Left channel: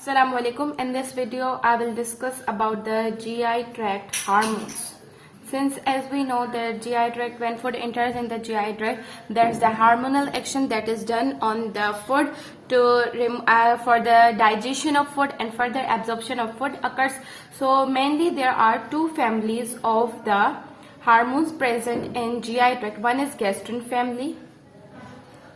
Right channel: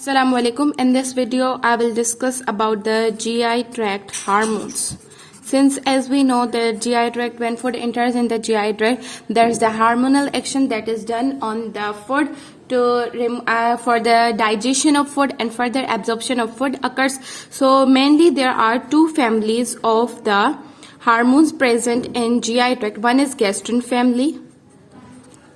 Assalamu alaikum. In this video, I will discuss about the GI tract hormones. Since as we know the GI tract, when food enters in the GI tract, there is the hormonal action that is done on the food for the digestion of food and further absorption of food occurs. So mainly there are two families of the hormones present in GI tract. One is gastrin family,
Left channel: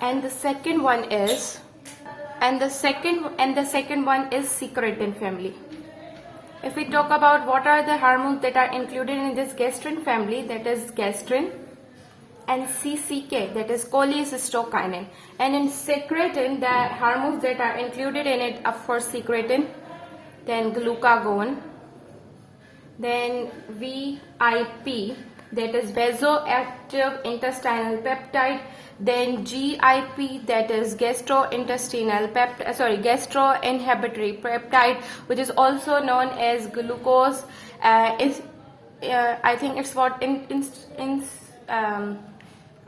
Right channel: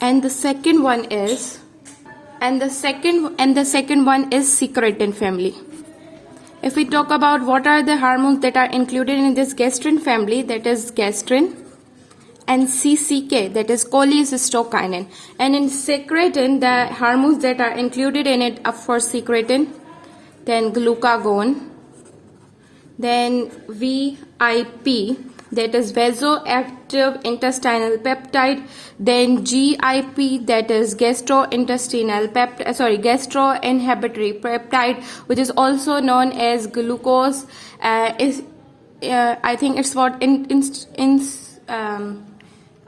and the second one is the second one is secretin family. If we talk about what are the hormones that are included in this gastrin family, that is gastrin and CCK, that is cholecystokinin. And in secretin, the hormones that are included in it are for secretin, then glucagon, then VIP, that is vasoactive intestinal peptide, then GIP, that is gastrointestinal gastroinhibitory peptide, which is also known as glucose. I think it's what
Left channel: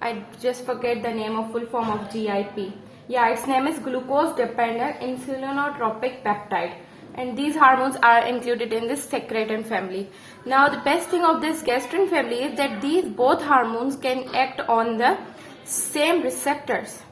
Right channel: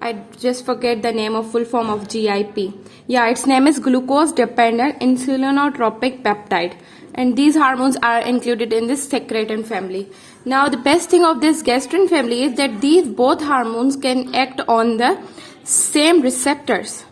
I just forget the name of full form of GIP. Yeah, its name is glucose dependent insulinotropic peptide. And these hormones are included in this secretin family. Now the best thing of this gastrin family is that these both hormones can act on the same receptors.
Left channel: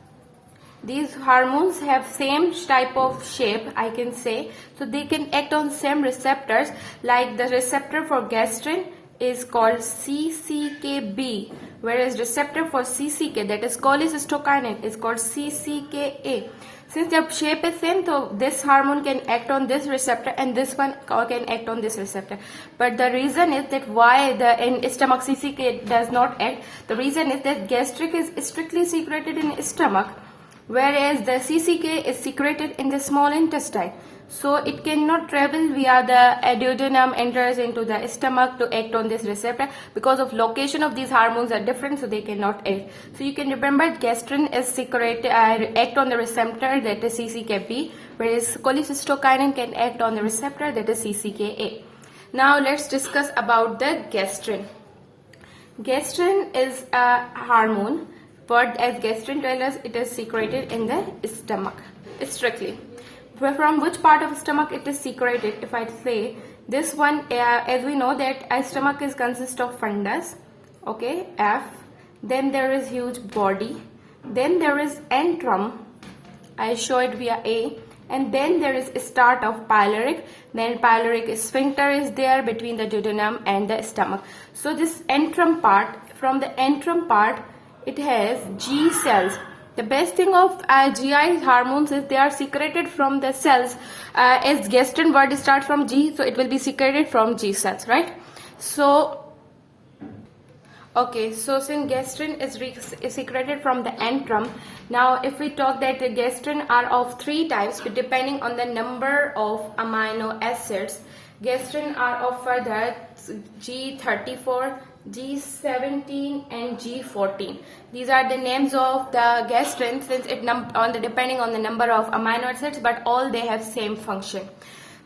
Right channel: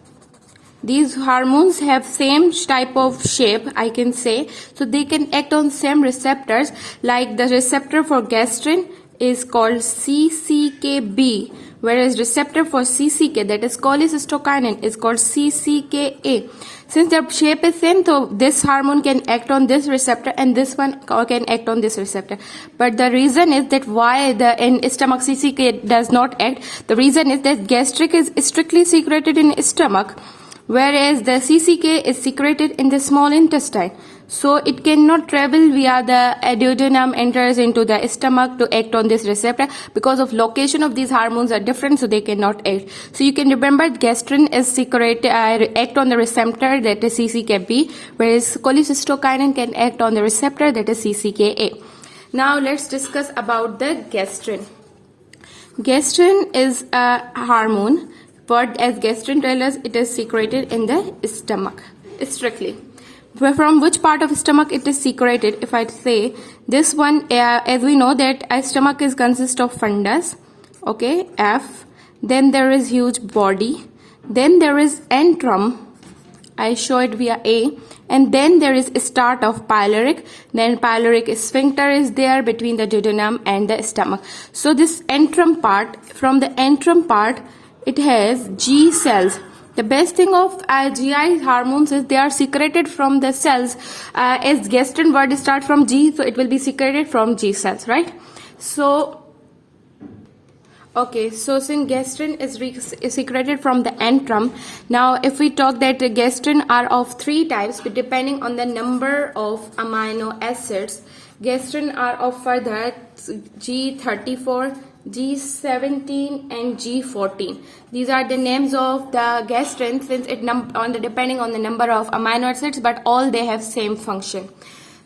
These hormones have same type of shape, I can say, so they can act on same receptors. Like the receptor for gastrin is called CCKB, whereas receptor for CCK, that is cholecystokinin, is called CCKA. Since their shape is same, so this hormone can act on this receptor and this one can act on this receptor. But the reason is that why in stomach CCK does not act, the reason is that gastric is strictly secreted in stomach, whereas the CCK is secreted in the small intestine. So it cannot travel via the duodenum, enters into the stomach to act on this receptor because of location of these hormones are different, so they cannot act. So you can remember gastrin is secreted, act on the receptor, that is CCKB, whereas cholecystokinin can act on the receptor, that is CCKA. Now let's discuss about the gastrin. Gastrin is a hormone, but as gastrin tells us, it is secreted in the stomach strictly. From which part of stomach it is secreted? If I say this one, as we know that a stomach is consist of fundus, okay, F, then there is huge body, then there is antrum, I show it via A, and then there is a start of pyloric, then pyloric sphincter is there between the duodenum and the stomach. So this antrum part, from the antrum part, it has G cells. The best thing of GI hormones is they are secreted from the cells. As gastrin word start from G, so it will be secreted from G cells, right? So, okay, so since gastrin is secreted from the antrum, now if we talk that gastrin are of three types depending on the number of amino acids. Gastrin are of further G34, G17 and G14. These are the names of the gastrin since it depending on the number of amino acids, but all they have same function.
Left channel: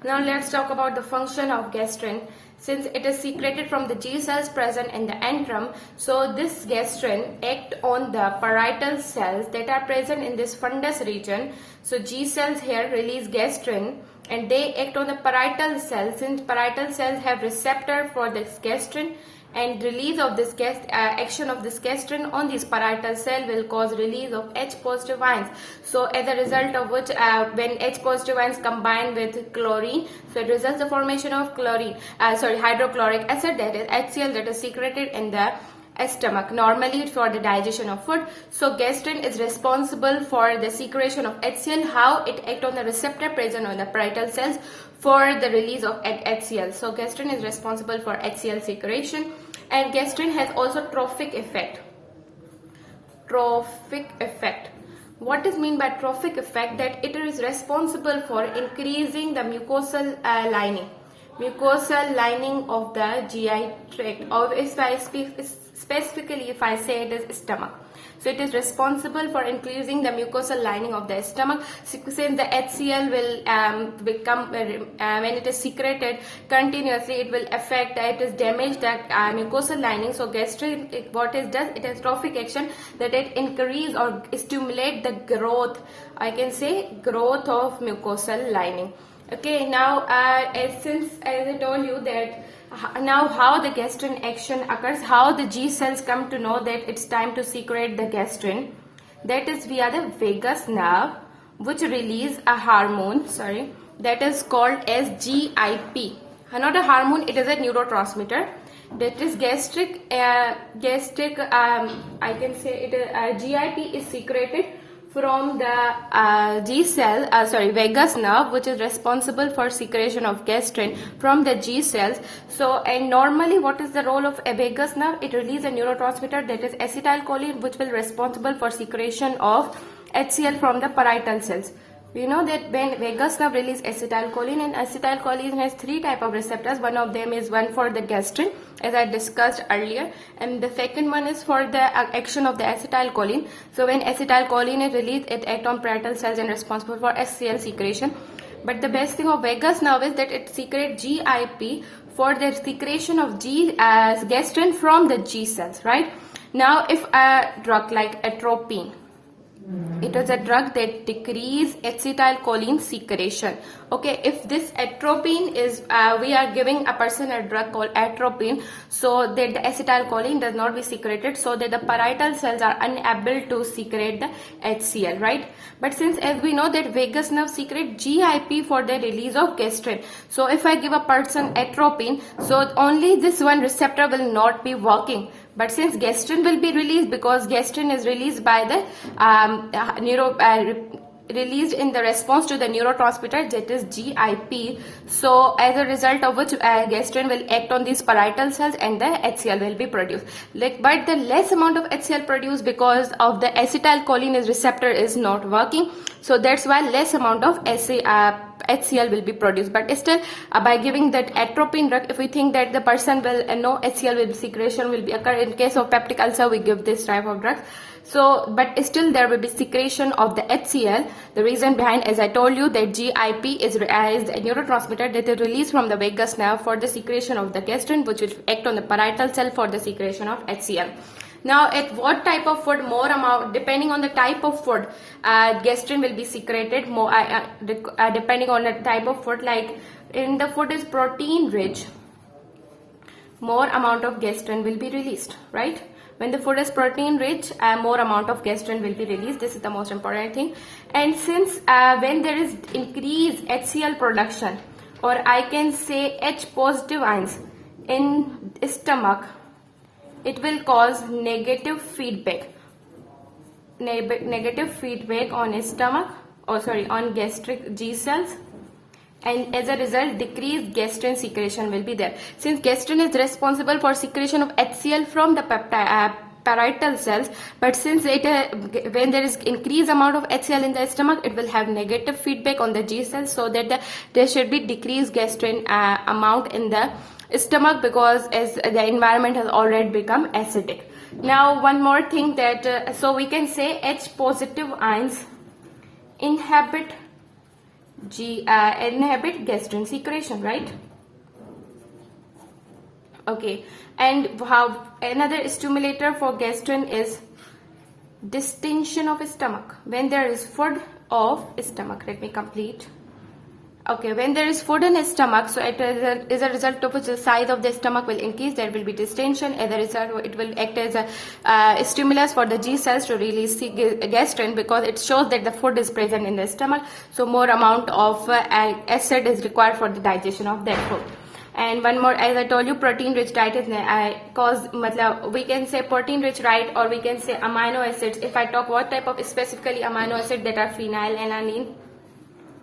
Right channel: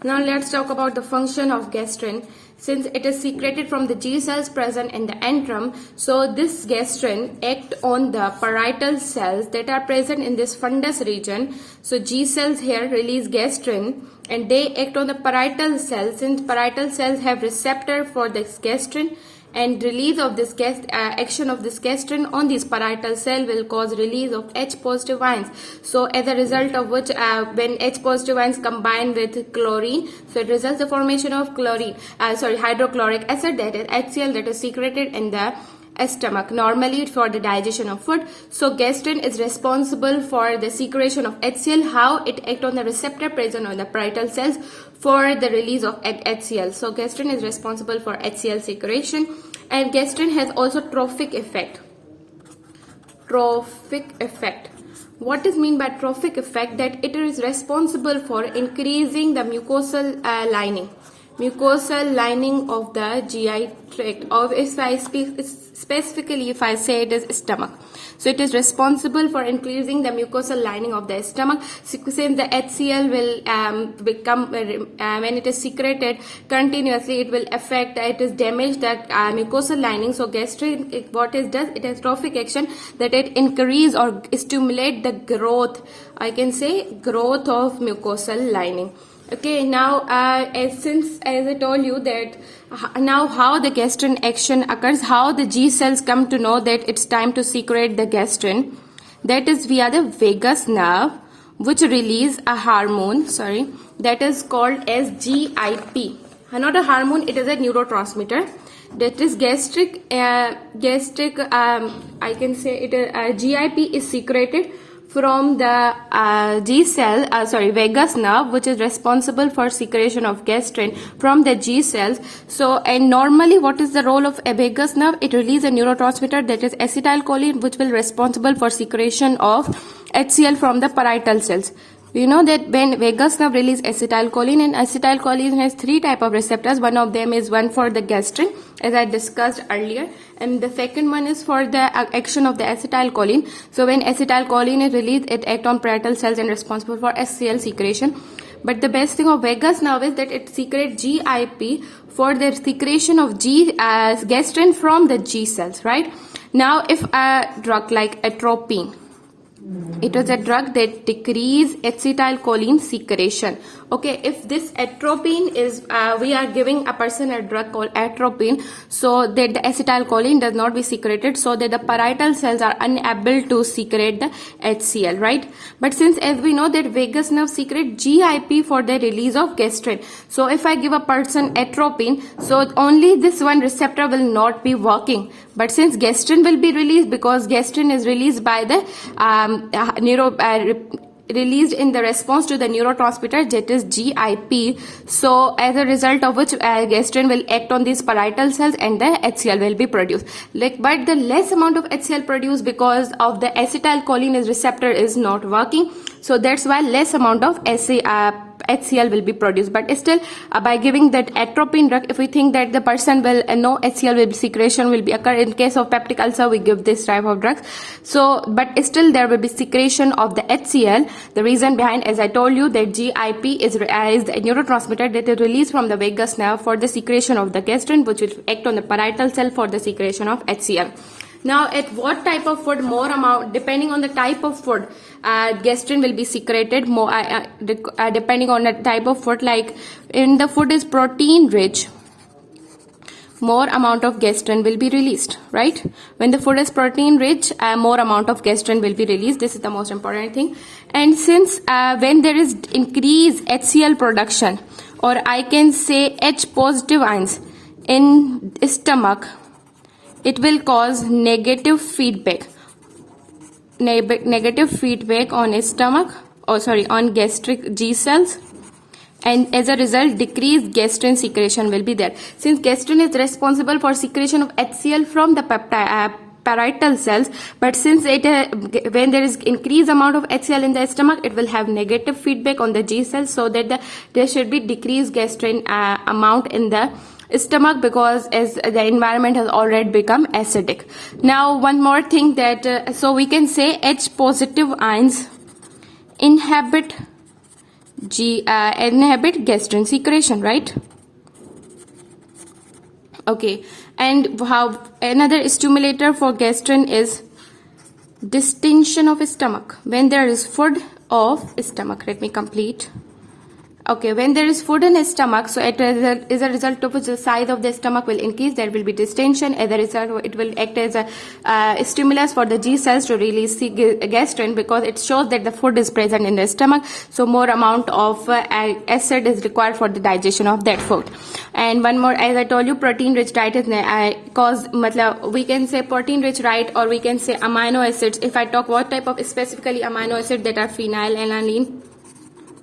Now let's talk about the function of gastrin. Since it is secreted from the G cells present in the antrum, so this gastrin act on the parietal cells that are present in this fundus region. So G cells here release gastrin and they act on the parietal cells. Since parietal cells have receptor for this gastrin, and release of this action of this gastrin on this parietal cell will cause release of H positive ions. So as a result of which when H positive ions combine with chlorine, so it results the formation of hydrochloric acid, that is HCl, that is secreted in the stomach, normally for the digestion of food. So gastrin is responsible for the secretion of HCl. How it act on the receptor present on the parietal cells for the release of HCl. So gastrin is responsible for HCl secretion, and gastrin has also trophic effect. Trophic effect. What is mean by trophic effect? That it is responsible for increasing the mucosal lining of the GI tract, or if I speak specifically, if I say it is stomach. So it is responsible for increasing the mucosal lining of the stomach. Since the HCl will become, when it is secreted continuously, it will affect, it is damage that mucosal lining. So gastrin, what it does, it has trophic action, that it increase or stimulate the growth, I can say growth of mucosal lining. Okay, now as I told you that now how the gastrin action occurs, how the G cells come to know that it's time to secrete the gastrin, that is via the vagus nerve, which release a hormone, that is called as GIP. Not a hormone, it is a neurotransmitter. That is I can say it. GIP is secreted from the vagus nerve, which is responsible for secretion of gastrin from the G cells. So, and normally what is the role of a vagus nerve? It releases a neurotransmitter, that is acetylcholine, which will responsible for secretion of HCl from the parietal cells. You know that when vagus nerve release acetylcholine, and acetylcholine has three type of receptors. One of them is one for the gastrin, as I discussed earlier, and the second one is for the action of the acetylcholine. So when acetylcholine is released, it acts on parietal cells and responsible for HCl secretion. But the best thing of vagus nerve is that it secretes GIP for the secretion of gastrin from the G cells, right? Now, if a drug like atropine, it was a drug that decrease acetylcholine secretion. Okay, if this atropine is, we are giving a person a drug called atropine, so that the acetylcholine does not be secreted, so that the parietal cells are unable to secrete the HCl, right? But since as we know that vagus nerve secrete GIP for the release of gastrin, so if I give a person atropine, so only this one receptor will not be working. But since gastrin will be released, because gastrin is released by the released in the response to the neurotransmitter, that is GIP. So as a result of which gastrin will act on these parietal cells and the HCl will be produced. But the less amount of HCl produced because of the acetylcholine receptor is not working. So that's why less amount of HCl will be produced. But still, by giving that atropine drug, if we think that the person will no HCl will be secretion will be occur in case of peptic ulcer, we give this type of drugs. So, but still there will be secretion of the HCl. The reason behind, as I told you, that GIP is the neurotransmitter that is released from the vagus nerve for the secretion of the gastrin, which will act on the parietal cell for the secretion of HCl. Now, at what type of food, more amount, depending on the type of food, gastrin will be secreted more depending on the type of food. Like in the food is protein rich, more amount of gastrin will be released, right? When the food is protein rich, more amount of gastrin will be released. This is the most important thing. And since when there is increased HCl production, or I can say H positive ions in stomach, it will cause negative feedback on stomach, on gastric G cells, and as a result decreased gastrin secretion will be there. Since gastrin is responsible for secretion of HCl from the parietal cells, but since it when there is increased amount of HCl in the stomach, it will have negative feedback on the G cells, so that there should be decreased gastrin amount in the stomach, because as the environment has already become acidic. Now one more thing that so we can say H positive ions inhibit gastrin secretion, right? Okay, and how another stimulator for gastrin is distension of stomach. When there is food of stomach, let me complete. Okay, when there is food in the stomach, so it is a result of which the size of the stomach will increase. There will be distension. As a result, it will act as a stimulus for the G cells to release gastrin, because it shows that the food is present in the stomach. So more amount of acid is required for the digestion of that food. And one more, as I told you, protein rich diet is we can say protein rich diet, or we can say amino acids. If I talk what type of specifically amino acids, that are phenylalanine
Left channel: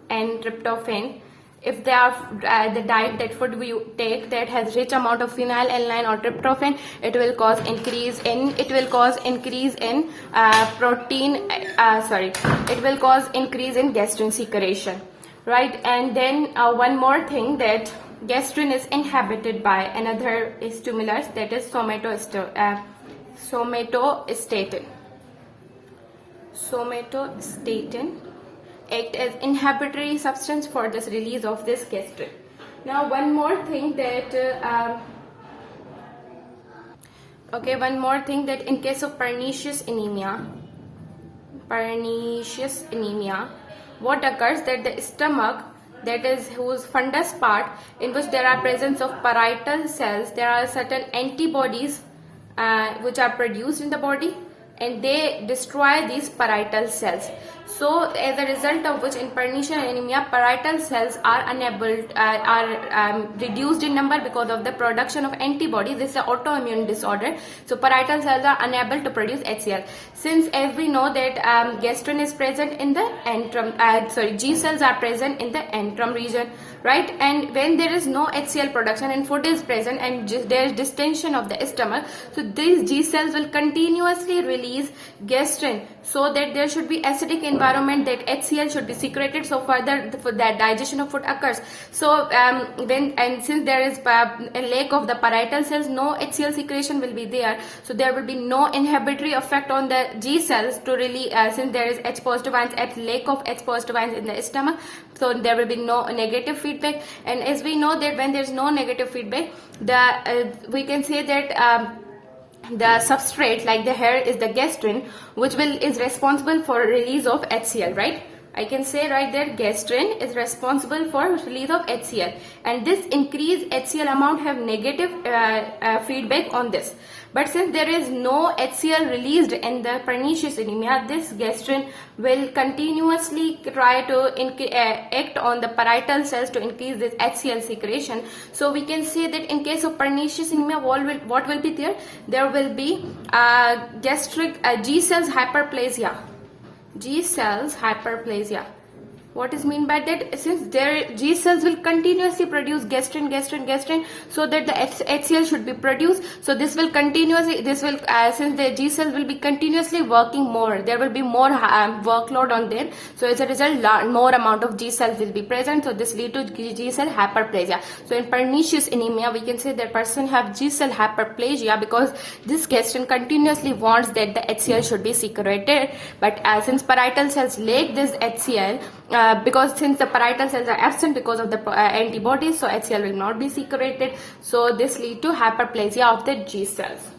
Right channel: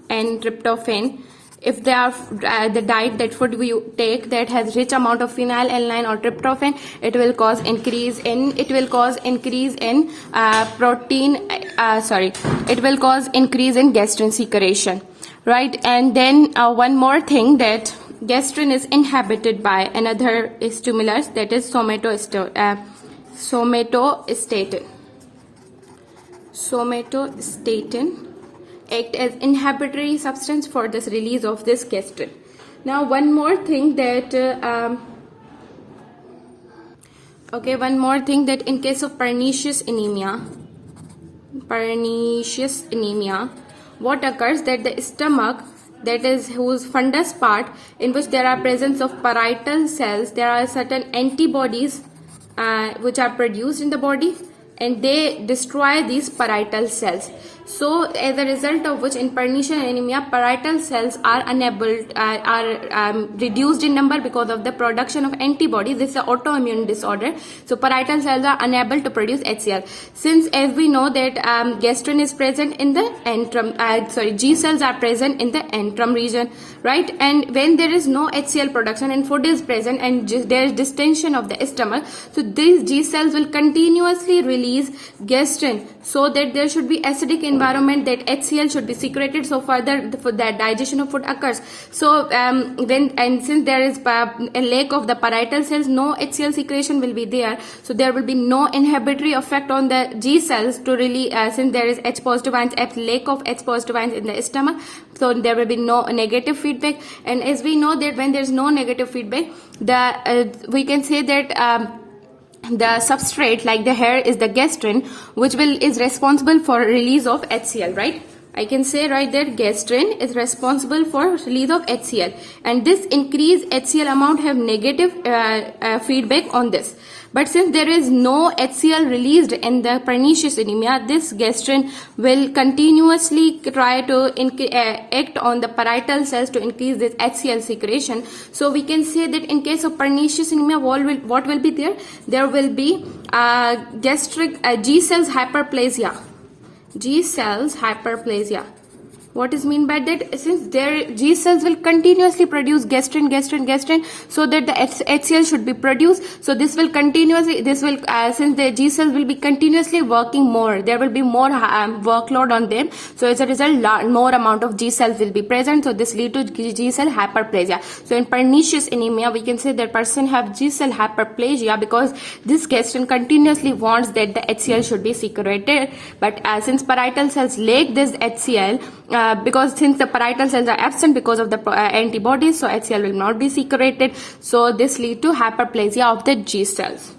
and tryptophan. If they are the diet, that food we take that has rich amount of phenylalanine or tryptophan, it will cause increase in gastrin secretion, right? And then one more thing, that gastrin is inhibited by another stimulus, that is somatostatin. Somatostatin act as inhibitory substance for this release of this gastrin. Now one more thing that in case of pernicious anemia, what occurs, that the stomach, that is whose fundus part, in which there are presence of parietal cells, there are certain antibodies which are produced in the body, and they destroy these parietal cells. So as a result of which, in pernicious anemia, parietal cells are reduced in number because of the production of antibodies. This is an autoimmune disorder. So parietal cells are unable to produce HCl. Since as we know that gastrin is present in the antrum, G cells are present in the antrum region, right? And when there is no HCl production and food is present and there is distension of the stomach, so these G cells will continuously release gastrin, so that there should be acidic environment, that HCl should be secreted, so further for that digestion of food occurs. So since there is a lack of the parietal cells, no HCl secretion will be there, so there will be no inhibitory effect on the G cells to really since there is H positive ions, lack of H positive ions in the stomach, so there will be no negative feedback. And as we know that when there is no negative feedback, we can say that the substrate like the hair is the gastrin, which is responsible for release of HCl, right? I can say right that gastrin is responsible for release of HCl, and this increased HCl amount have negative feedback on this. But since there is no HCl released in the pernicious anemia, this gastrin will continuously try to act on the parietal cells to increase this HCl secretion. So we can say that in case of pernicious anemia, what will be there? There will be gastric G cells hyperplasia. G cells hyperplasia. What is mean by that? Since their G cells will continuously produce gastrin, so that the HCl should be produced. So this will continuously, since the G cells will be continuously working more, there will be more workload on them. So as a result, more amount of G cells will be present. So this lead to G cell hyperplasia. So in pernicious anemia, we can say that person have G cell hyperplasia because this gastrin continuously wants that the HCl should be secreted. But since parietal cells lack this HCl, because since the parietal cells are absent because of the antibodies, so HCl will not be secreted. So this lead to hyperplasia of the G cells.